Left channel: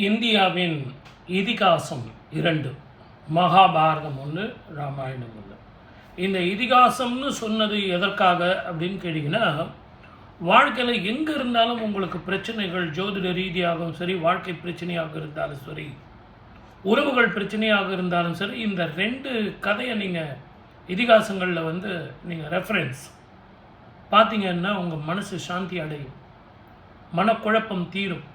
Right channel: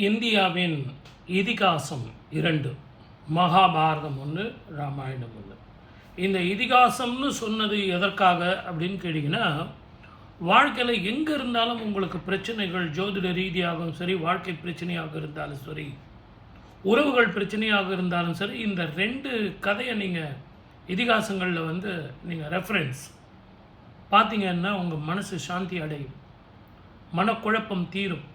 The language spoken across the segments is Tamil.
இந்தியாவின் இதிகாசம் 2, மகாபாரதம் 1, ராமாயணம் 1. இந்த இதிகாசம்னு சொன்னது எதற்காக அப்படின்னு கேட்டிங்கன்னா, வாழ்க்கையில் எங்கே இருந்தாலும் உங்களுக்கு பிரச்சனைகள் ஜோதிட ரீதியாகவும் சரி, வாழ்க்கை பிரச்சனையாக இருந்தாலும் சரி, உறவுகள் பிரச்சனையாக இருந்தாலும் சரி, இந்த 2 கதையை நீங்கள் இதிகாசங்களில் நீங்கள் ரெஃபரன்ஸ் பார்த்தீங்கன்னா உங்கள் மனசு சாந்தி அடையும், மனக்குழப்பம் தீரும்.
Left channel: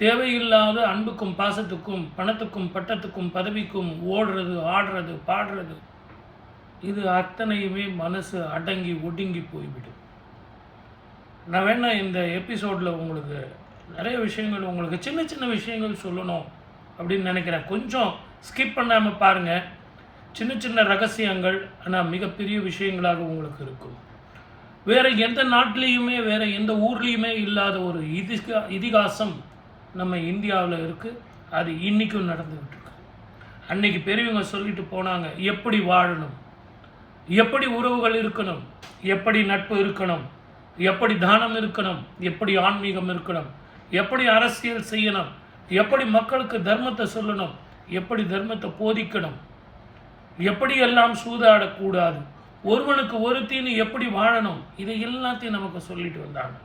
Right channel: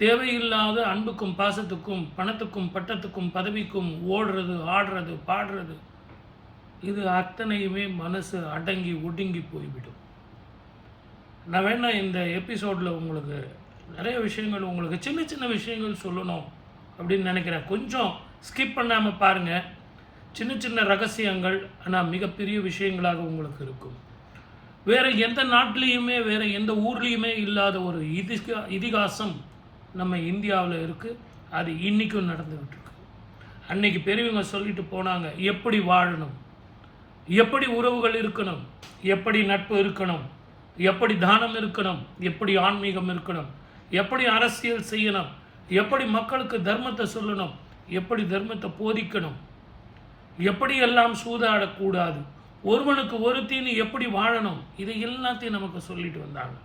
தேவையில்லாத அன்புக்கும் பாசத்துக்கும் பணத்துக்கும் பட்டத்துக்கும் பதவிக்கும் ஓடுறது, ஆடுறது, பாடுறது, இது அத்தனையுமே மனசு அடங்கி ஒடுங்கி போய்விடும். நான் வேணா இந்த எபிசோடில் உங்களுக்கு நிறைய விஷயங்கள், உங்களுக்கு சின்ன சின்ன விஷயங்கள் சொல்லணும் அப்படின்னு நினைக்கிறேன். கொஞ்சம் ஸ்கிப் பண்ணாமல் பாருங்கள். சின்ன சின்ன ரகசியங்கள் ஆனால் மிகப்பெரிய விஷயங்களாக உங்களுக்கு இருக்கும். வேறு எந்த நாட்டிலையுமே வேறு எந்த ஊர்லேயுமே இல்லாத ஒரு இதிகாசம் நம்ம இந்தியாவில் இருக்குது. அது இன்றைக்கும் நடந்துக்கிட்டு இருக்கு. அன்னைக்கு பெரியவங்க சொல்லிட்டு போனாங்க, எப்படி வாழணும், எப்படி உறவுகள் இருக்கணும், எப்படி நட்பு இருக்கணும், எப்படி தானம் இருக்கணும், எப்படி ஆன்மீகம் இருக்கணும், எப்படி அரசியல் செய்யணும், எப்படி மக்களுக்கு தர்மத்தை சொல்லணும், எப்படி தர்மத்தை போதிக்கணும், எப்படி எல்லாம் சூதாடக்கூடாது, ஒருவனுக்கு ஒருத்தின்னு எப்படி வாழணும், இதை எல்லாத்தையும் நமக்கு சொல்லிட்டு வந்தாங்க.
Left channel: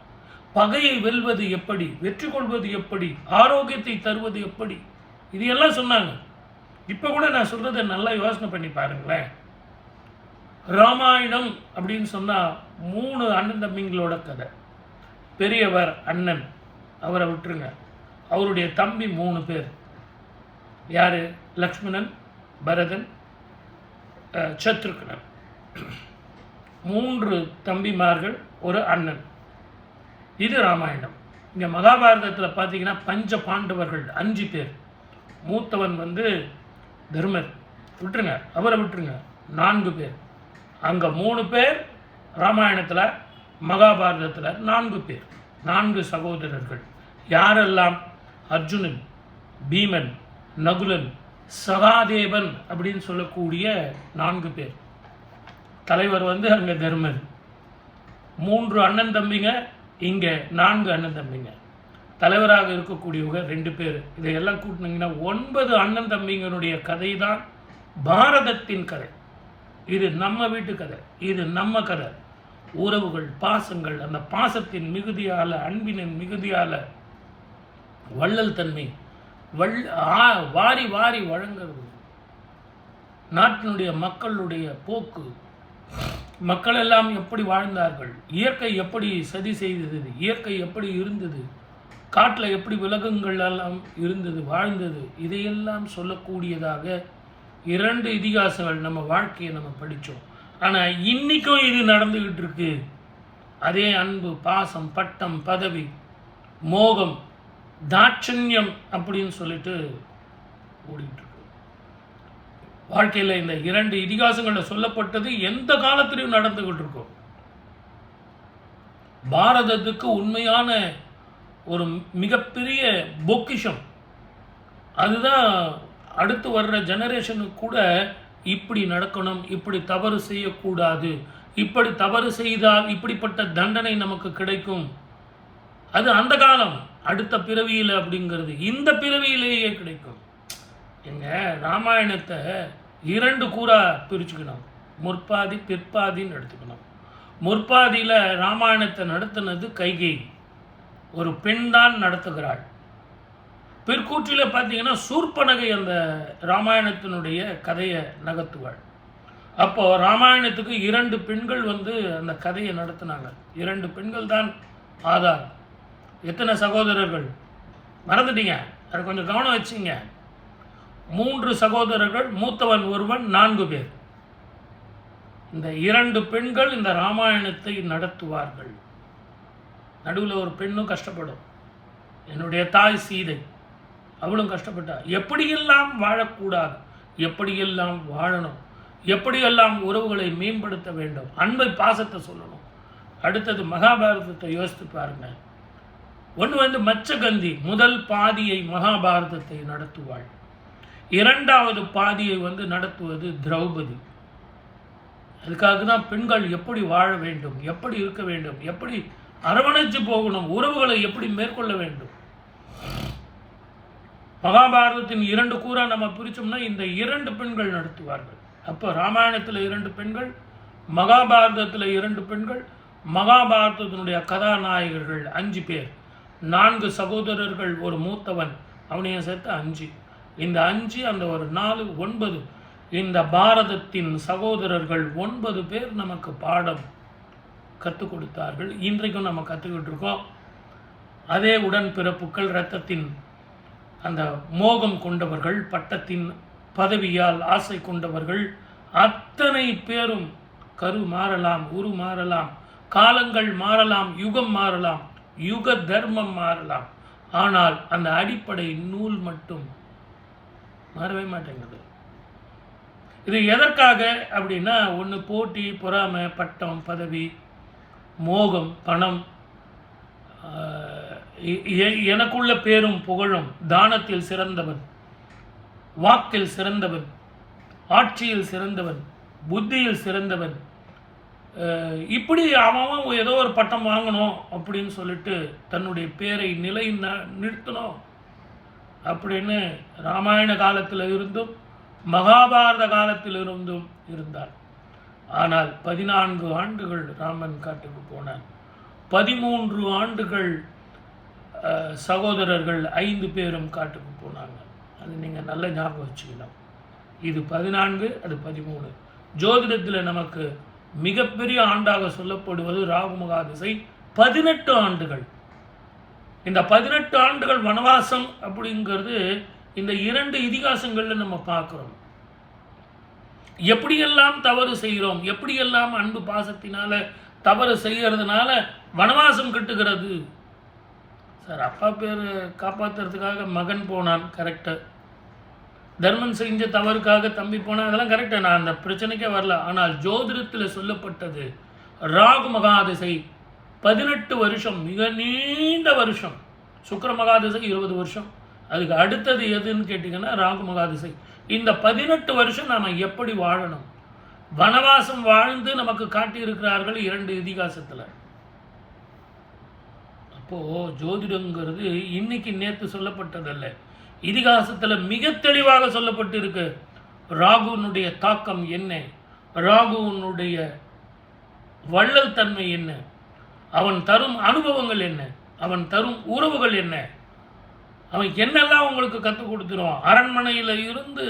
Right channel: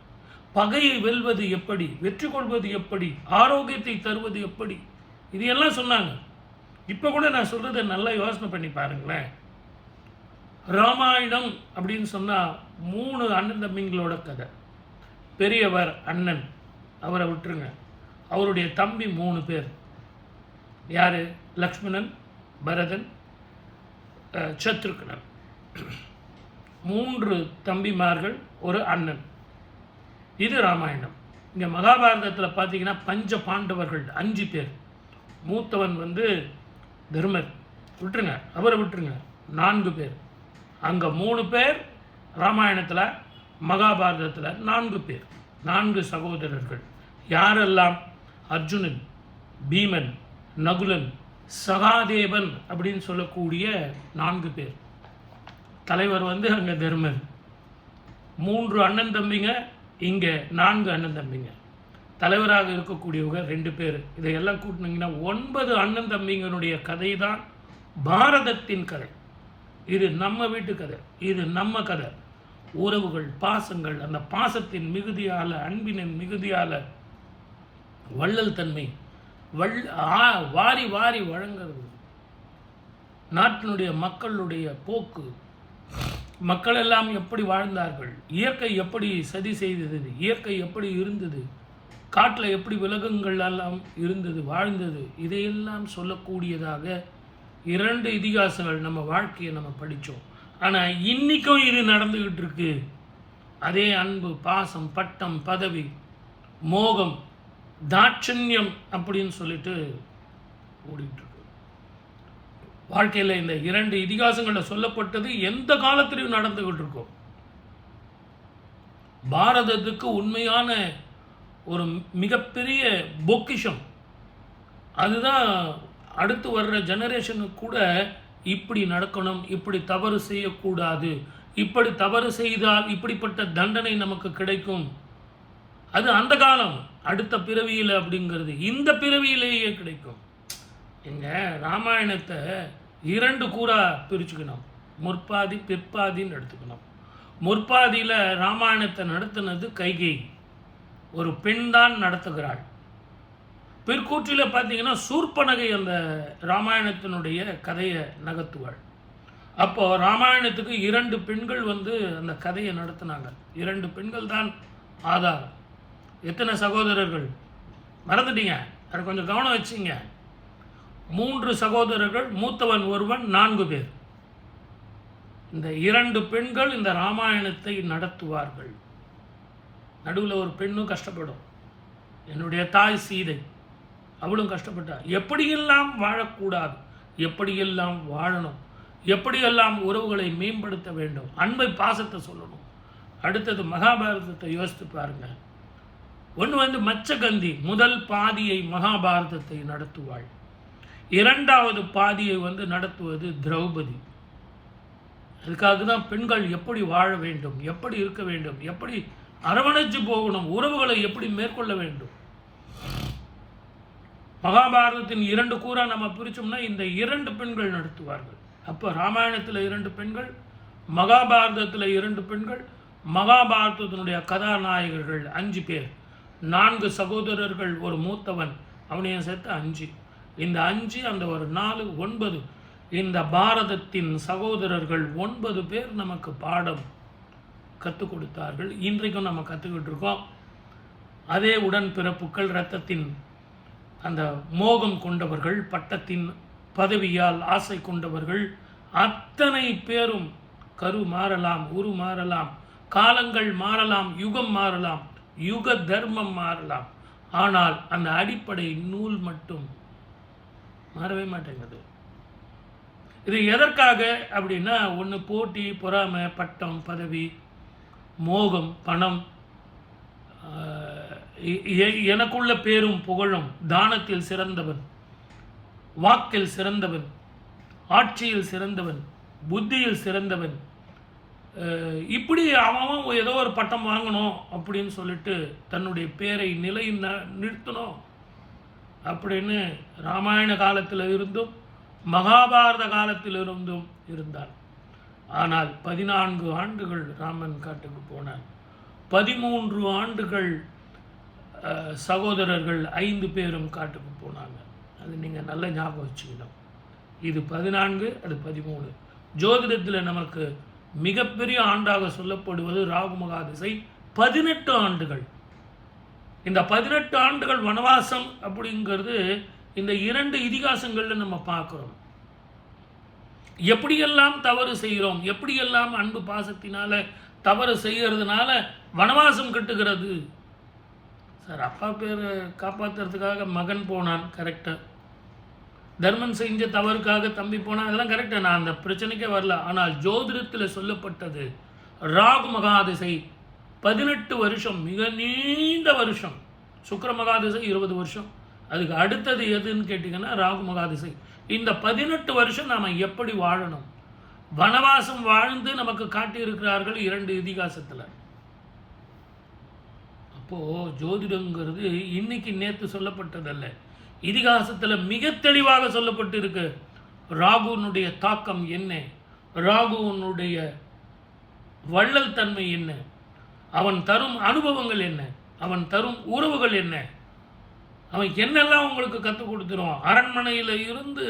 பகையை வெல்வது எப்படி, வெற்றி கொள்வது எப்படி, ஆரோக்கியத்தை தருவது எப்படி, இது எல்லாம் சொன்னாங்க. இப்போ கூட நான் சொல்றதை நல்லா யோசனை பண்ணி பாருங்களேன். ராமாயணம் அப்படின்னு சொன்னால் 3 அண்ணன் தம்பிங்களோட கதை. பெரியவர் அண்ணன், அவரை விட்டுருங்க. அவருடைய தம்பி 3 பேர். யார்? லக்ஷ்மணன், பரதன், சத்ருக்னன். 3 தம்பிமார்கள், ஒரு அண்ணன். இது ராமாயணம். இங்கே மகாபாரதத்தில் பார்த்தீங்கன்னா பஞ்ச பாண்டவர்கள் 5 பேர். மூத்தவன் தர்மர், விட்டுருங்க, அவரை விட்டுருங்க, 4 பேர். அங்கே 3 பேர், ராமாயணத்தில் மகாபாரதத்தில் 4 பேர், 4 சகோதரர்கள். யாரெல்லாம்? அர்ஜுனன், பீமன், நகுலன், சகாதேவன் அப்படின்னு சொல்லக்கூடிய 4 பேர். தலைவர் அங்கே தர்மர். 3 அண்ணன் தம்பிங்க, இங்கே 4 அண்ணன் தம்பிங்க. தலைவராக இருக்கக்கூடியவங்க 2 பேர். இதையெல்லாம் கூட்டினீங்கன்னா 9 அண்ணன் தம்பிங்களுடைய கதை தான் பாரதத்தின் கதை. இது நம்ம வீட்டு கதை, இது நம்ம கதை. உறவுகள், பாசங்கள், அந்த பாசத்தின் மிகுதியால், அன்பினின் மிகுதியால் வள்ளல் தன்மை, வாரி வாரி வழங்குறது, நாட்டினுடைய மக்களுடைய போக்கு, மக்கள் எல்லாம் எப்படி வாழ்ந்தார்கள், இயற்கை எப்படி சதி செய்தது, இயற்கை எப்படி இருந்தது, காட்டில் எப்படி விலங்குகள் எல்லாம் இருந்தது, வாழ்ந்தது, இதையெல்லாம் சொல்லக்கூடியதாக 2 இதிகாசங்கள் நம்ம வாழ்க்கையை நம்ம படித்தோம். ஆனால் இன்றைக்கும் இது நடந்துக்கிட்டு இருக்கு. அதே அன்பு, பாசம், பட்டம், பதவி, மோகம், தாட்சண்யம் அப்படின்னு சொல்லிட்டு ஓடிட்டு இருக்கு. வாழ்க்கையில் இந்த 2 இதிகாசங்களில் சொல்லப்பட்டது எந்த காலத்திலையும் நடந்துகிட்டு இருக்கும். பாரதத்துக்கு உண்மையான ஒரு மிகப்பெரிய பொக்கிஷம் அதுதான். அடுத்து வர்ற ஜெனரேஷனுக்கு கூட இப்படி நடக்கணும், இப்படி தவறு செய்யக்கூடாது, இப்படி தவறு செய்தால் இப்படிப்பட்ட தண்டனை நமக்கு கிடைக்கும். அது அந்த காலம், அடுத்த பிறவியில் அப்படிங்கிறது இந்த பிறவியிலேயே கிடைக்கும். எங்க ராமாயணத்தை 2 கூறா பிரிச்சுக்கணும். முற்பாதி, பிற்பாதின்னு எடுத்துக்கணும். முற்பாதியில் ராமாயணத்தை நடத்தினது கைகேயி, ஒரு பெண் தான் நடத்துகிறாள். பிற்கூற்றில் பார்த்தீங்கன்னா சூர்பனகை அந்த ராமாயணத்தினுடைய கதையை நகர்த்துவாள். அப்போ ராமாயணத்துக்கு 2 பெண்கள் அந்த கதையை நடத்தினாங்க. 2 பெண்கள் தான் ஆதாரம். எத்தனை சகோதரர்கள் மறந்துட்டீங்க? அதை கொஞ்சம் கவனம் வச்சிங்க. 3 சகோதரர்கள், மூத்தவன் ஒருவன், 4 பேர். இந்த 2 பெண்கள் இந்த ராமாயணத்தை நடத்துவார்கள். நடுவில் ஒரு பெண்ணும் கஷ்டப்படும். என்னுடைய தாய் சீதை, அவளும் கஷ்டப்பட்டா. எப்படியெல்லாம் வாழக்கூடாது, எப்படியெல்லாம் வாழணும், எப்படியெல்லாம் உறவுகளை மேம்படுத்த வேண்டும், அன்பை, பாசத்தை சொல்லணும். அடுத்தது மகாபாரதத்தை யோசித்து பாருங்க. ஒன்று மச்சகந்தி முதல் பாதியை மகாபாரதத்தை நடத்துவாள். 2வது பாதியை நடத்துவது திரௌபதி. அதுக்காக தான் பெண்கள் எப்படி வாழ வேண்டும், எப்படி இருக்க வேண்டும், எப்படி அரவணைச்சு போகணும், உறவுகளை எப்படி மேற்கொள்ள வேண்டும். மகாபாரதத்தின் 2 கூறா நம்ம பிரிச்சோம்னா இந்த 2 பெண்கள் நடத்துவார்கள். அப்போ ராமாயணத்தில் 2 பெண்கள், மகாபாரதத்தில் 2 பெண்கள். மகாபாரதத்தினுடைய கதாநாயகர்கள் 5 பேர், 4 சகோதரர்கள், ஒரு மூத்தவன், அவனையும் சேர்த்து 5. இந்த 5 அந்த ஒரு 4 9. இந்த பாரதத்தின் சகோதரர்கள் 9 பேர் நமக்கு பாடம் கற்றுக் கொடுத்தார்கள். இன்றைக்கும் நம்ம கற்றுக்கிட்டு இருக்கோம். அதே உடன்பிறப்புகள், இரத்தத்தின் அந்த மோகம் கொண்டவர்கள், பட்டத்தின் பதவியால் ஆசை கொண்டவர்கள், அத்தனை பேரும் கரு மாறலாம், உரு மாறலாம், காலங்கள் மாறலாம், யுகம் மாறலாம், யுக தர்மம் மாறலாம், ஆனால் அந்த அடிப்படை நூல் மட்டும் மாறவே மாட்டேங்குது. இது எதற்காக அப்படின்னா, ஒன்று போட்டி, பொறாமை, பட்டம், பதவி, மோகம், பணம், எனக்குள்ள பேரும் புகழும், தானத்தில் சிறந்தவன், வாக்கில் சிறந்தவன், ஆட்சியில் சிறந்தவன், புத்தியில் சிறந்தவன், இப்படி அவன் ஏதோ ஒரு பட்டம் வாங்கணும் அப்படின்னு சொல்லிட்டு தன்னுடைய பேரை நிறுத்தணும் அப்படின்னு ராமாயண காலத்தில் இருந்தும் மகாபாரத காலத்தில் இருந்தும் இருந்தார். ஆனால் 14 ஆண்டுகள் ராமன் காட்டுக்கு போனான். 13 ஆண்டுகள் சகோதரர்கள் 5 பேரும் காட்டுக்கு போனாங்க. அது நீங்கள் நல்ல ஞாபகம் வச்சுக்கணும். இது 14, அது 13. ஜோதிடத்தில் நமக்கு மிகப்பெரிய ஆண்டாக சொல்லப்படுவது ராகுமகாதிசை 18 ஆண்டுகள். இந்த 18 ஆண்டுகள் வனவாசம் அப்படிங்கிறது இந்த 2 இதிகாசங்களில் நம்ம பார்க்குறோம். எப்படியெல்லாம் தவறு செய்கிறோம், எப்படியெல்லாம் அன்பு பாசத்தினால தவறு செய்கிறதுனால வனவாசம் கட்டுகிறது. சார், அப்பா பேர் காப்பாற்றுறதுக்காக மகன் போனான், கரெக்டு. தர்மன் செஞ்ச தவறுக்காக தம்பி போனான், அதெல்லாம் கரெக்டு. நான் அந்த பிரச்சனைக்கே வரல. ஆனால் ஜோதிடத்தில் சொல்லப்பட்டது ராகு மகாதிசை 18 வருஷம், மிக நீண்ட வருஷம். சுக்கிர மகாதிசை 20 வருஷம். அதுக்கு அடுத்தது எதுன்னு கேட்டிங்கன்னா ராகு மகாதிசை. இந்த 18 வருஷம் நாம் எப்படி வாழணும், வனவாசம் வாழ்ந்து நமக்கு காட்டியிருக்கிறார்கள் 2 இதிகாசத்தில். அப்போது ஜோதிடங்கிறது இன்னைக்கு நேற்று சொல்லப்பட்டதல்ல, இதிகாசத்தில் மிக தெளிவாக சொல்லப்பட்டு இருக்கு. ராகுனுடைய தாக்கம் என்ன, ராகுனுடைய வள்ளல் தன்மை என்ன, அவன் தரும் அனுபவங்கள் என்ன, அவன் தரும் உறவுகள் என்ன, அவன் என்னெல்லாம் உங்களுக்கு கற்றுக் கொடுத்துருவான். அரண்மனையில் இருந்து,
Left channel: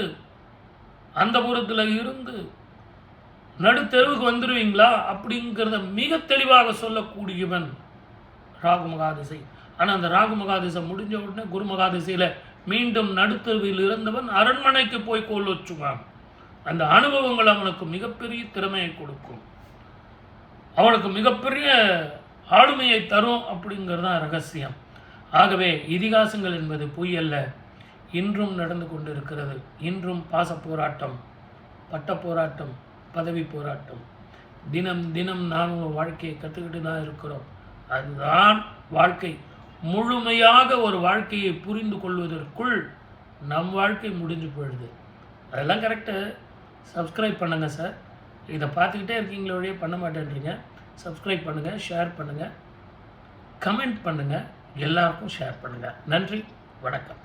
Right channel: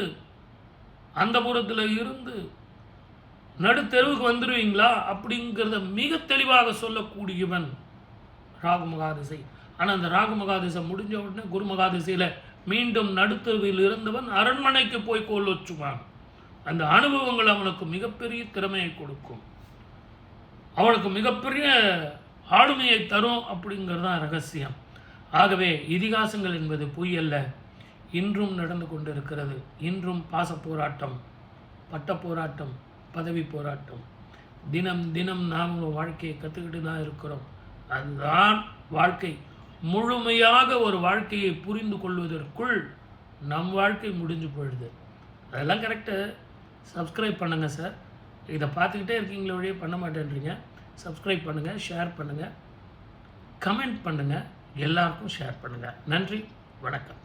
அந்த புறத்தில் இருந்து நடுத்தெருவுக்கு வந்துடுவீங்களா அப்படிங்கிறத மிக தெளிவாக சொல்லக்கூடியவன் ராகு மகாதிசை. ஆனால் அந்த ராகு மகாதிசை முடிஞ்ச உடனே குரு மகாதிசையில் மீண்டும் நடுத்தெருவில் இருந்தவன் அரண்மனைக்கு போய் கோல் வச்சுவான். அந்த அனுபவங்கள் அவனுக்கு மிகப்பெரிய திறமையை கொடுக்கும், அவனுக்கு மிகப்பெரிய ஆளுமையை தரும் அப்படிங்கிறது தான் ரகசியம். ஆகவே இதிகாசங்கள் என்பது பொய் அல்ல, இன்றும் நடந்து கொண்டிருக்கிறது. இன்றும் பாச போராட்டம், பட்ட போராட்டம், பதவி போராட்டம், தினம் தினம் நாம் வாழ்க்கையை கற்றுக்கிட்டு தான் இருக்கிறோம். அதுதான் வாழ்க்கை. முழுமையாக ஒரு வாழ்க்கையை புரிந்து கொள்வதற்குள் நம் வாழ்க்கை முடிஞ்சு போயிடுது. அதெல்லாம் கரெக்டு. சப்ஸ்கிரைப் பண்ணுங்கள் சார். இதை பார்த்துக்கிட்டே இருக்கீங்களே வழியே பண்ண மாட்டேன்றீங்க. சப்ஸ்கிரைப் பண்ணுங்கள், ஷேர் பண்ணுங்கள், கமெண்ட் பண்ணுங்கள், எல்லாருக்கும் ஷேர் பண்ணுங்கள். நன்றி, வணக்கம்.